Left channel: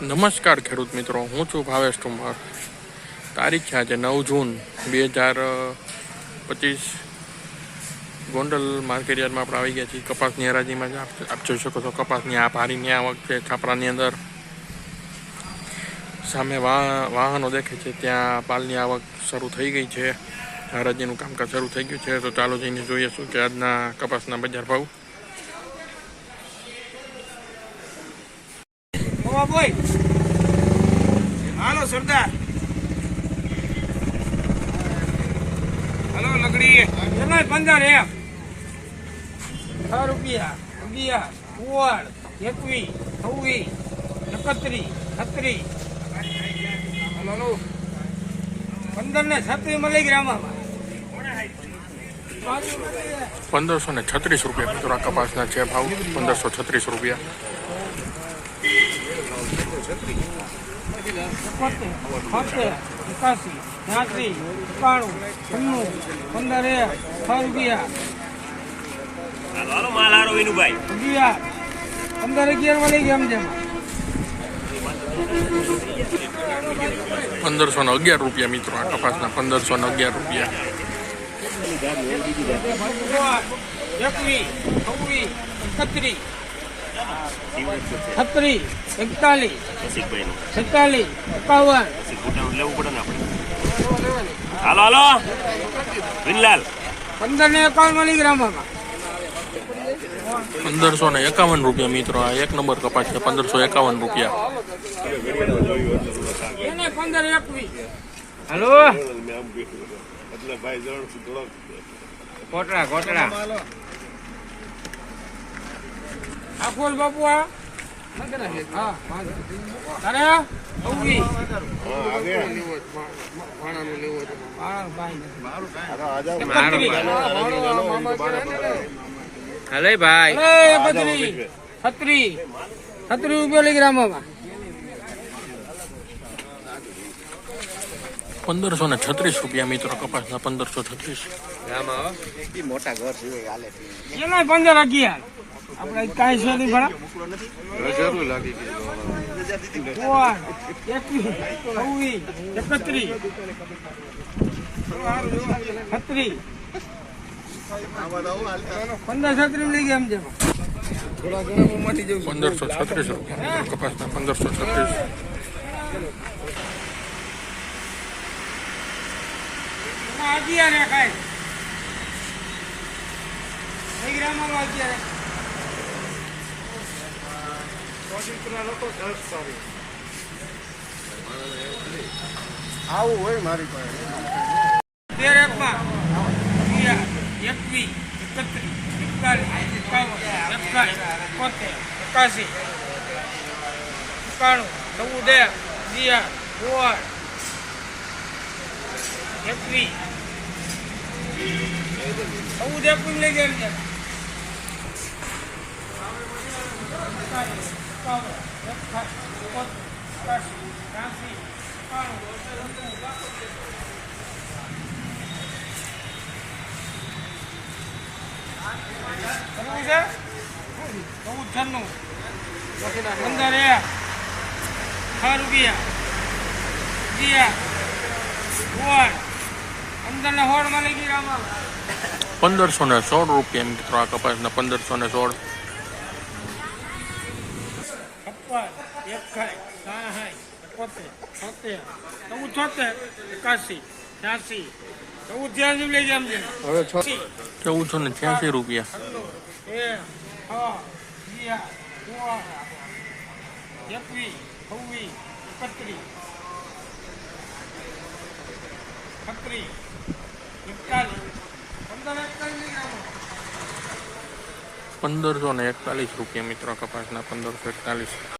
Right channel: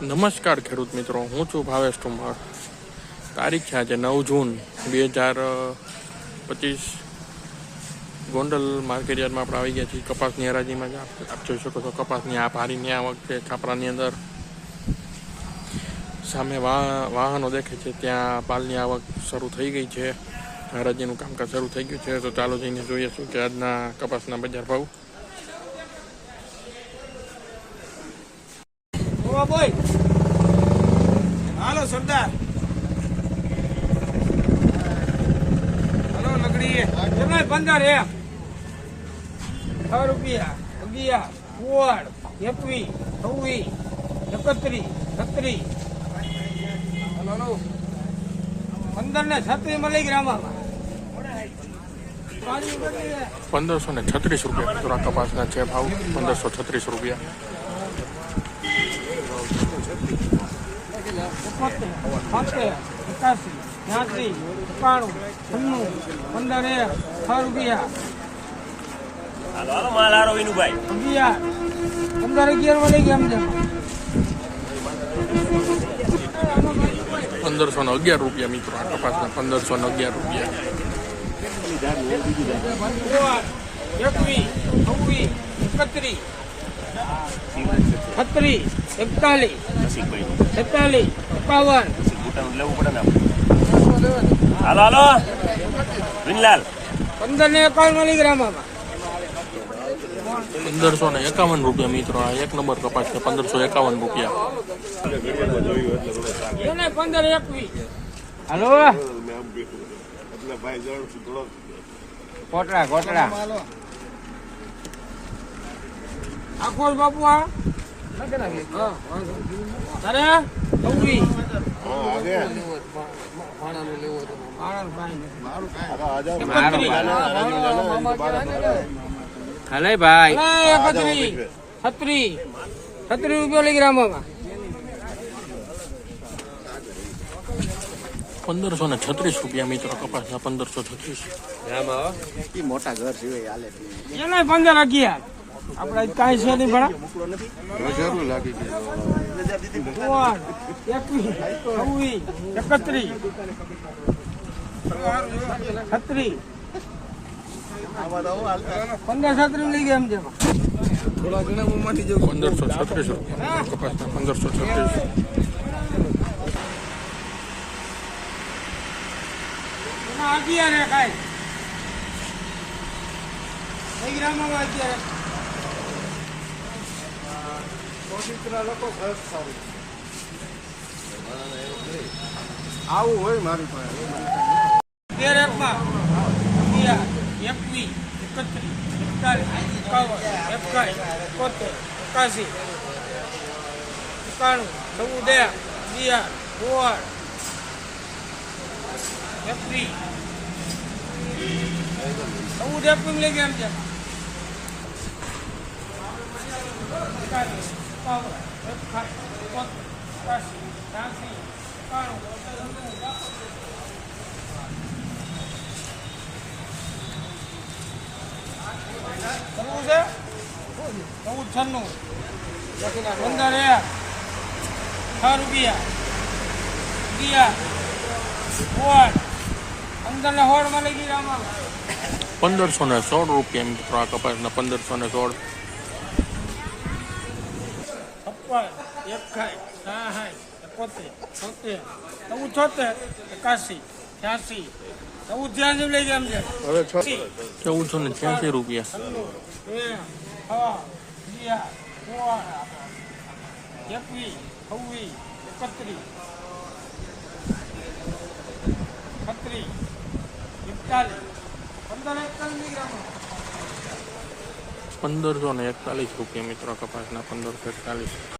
નમસ્કાર ખેડૂત મિત્રો, હું છું ભાવેશ ઠુમર તારીખ છે આજે નવ જૂન બે હજાર પચીસ. ગોંડલ માર્કેટ યાર્ડમાં આપણે આવી ગયા છીએ. કપાસની હરાજીમાં આપ જોઈ શકો છો, કપાસની આ ભારીની આવક છે છાપરાની અંદર. સામે વાહ વાહનો દેખે છે, ત્યાં પાલની આવક શરૂ થઈ ગઈ છે. હરાજીનું કામકાજ શરૂ થઈ ગયું છે. તો ચાલો જઈને જોઈએ શું કે આજના કપાસના બજાર ભાવ. હાલો, સરદાર. હાલો લગડી પંદર એમ. છ રૂપિયા, અગિયાર, કુવાડ, એકવી છવ્વી એકત્રી છત્રી હાલો, હલો. પંદર ને છત્રી મળી ગ્રામમાં પંદરસો ને છત્રીસ રૂપિયા. મિત્રો કપાસના છે ભાવ પંદરસો છત્રીસ રૂપિયા. એકોતેર છોતેર એકાસી ત્યાંસી એકાણું છન્નું પંદર એક છ રૂપિયા હાલો હાલો માલ હારો વિનુભાઈ અગિયાર પંદર અગિયાર મળી ગયા સમજેમાં પંદરસો ને અગિયાર રૂપિયા મિત્રો આ કપાસના પંદરસો ને અગિયાર રૂપિયા. એકવી છવ્વી એકત્રી છત્રી એકતાલીસ. છેતાલીસ એકાવન. લેવું પડે ને આપણે હાલો હાલો. વિનલાલ. પંદર ને એકાવન મળી પંદરસો ને એકાવન રૂપિયા મિત્રો. આ એક નંબર કપાસ છે પંદરસો એકાવન રૂપિયા. પંદર એકવી. હાલો. કોટડા કોટડા આખોલ બાપુ આ. તારે? છવ્વી ભાણું ભાઈ. નથી. હલે ભાઈ છત્રી. છત્રી રૂપિયા લઈ ગ્રામમાં પંદરસો ને છત્રીસ રૂપિયા મિત્રો કપાસના પંદરસો છત્રીસ. મોટા ઘર સિવાય પંદર અગિયાર. આપડે કાંઈ છે નહીં ભણા એકવીસ છવ્વીસ એકત્રીસ છત્રીસ. પંદર છત્રીસ લઈ ગયા એમ છે પંદરસો છત્રીસ રૂપિયા કપાસના પંદરસો છત્રીસ. કાંઈ લઈ ગ્રામમાં અગિયાર એક. તેર એકમાં એકવીસ, એકત્રીસ, એકતાલીસ, એકાવન એકાવન એકોતેર એકાસી ચૌદ એક અગિયાર, સોળ, એકવીસ. ચૌદ લઈ ગયા એમ છે ચૌદ છન્નું પંદર એક છ રૂપિયા અગિયાર સોળ પંદર ને સોળમાં લઈ આમાં પંદરસો ને સોળ રૂપિયા મિત્રો આ કપાસના પંદરસો ને સોળ. છપ્પન એકાઈ સાહાઈ એકોતેર છોતેર ચૌદ છોતેર એકાસી છ્યાસી ચૌદ છ્યાસી લઈ ગયા એમ છે ચૌદસો ને છ્યાસી રૂપિયા બે છ અગિયાર સોળ એકવીસ છવ્વીસ એકત્રીસ છત્રીસ એકતાલીસ પંદર એકતાલીસ લઈ ગયા પંદરસો ને એકતાલીસ રૂપિયા મિત્રો કપાસના પંદરસો એકતાલીસ.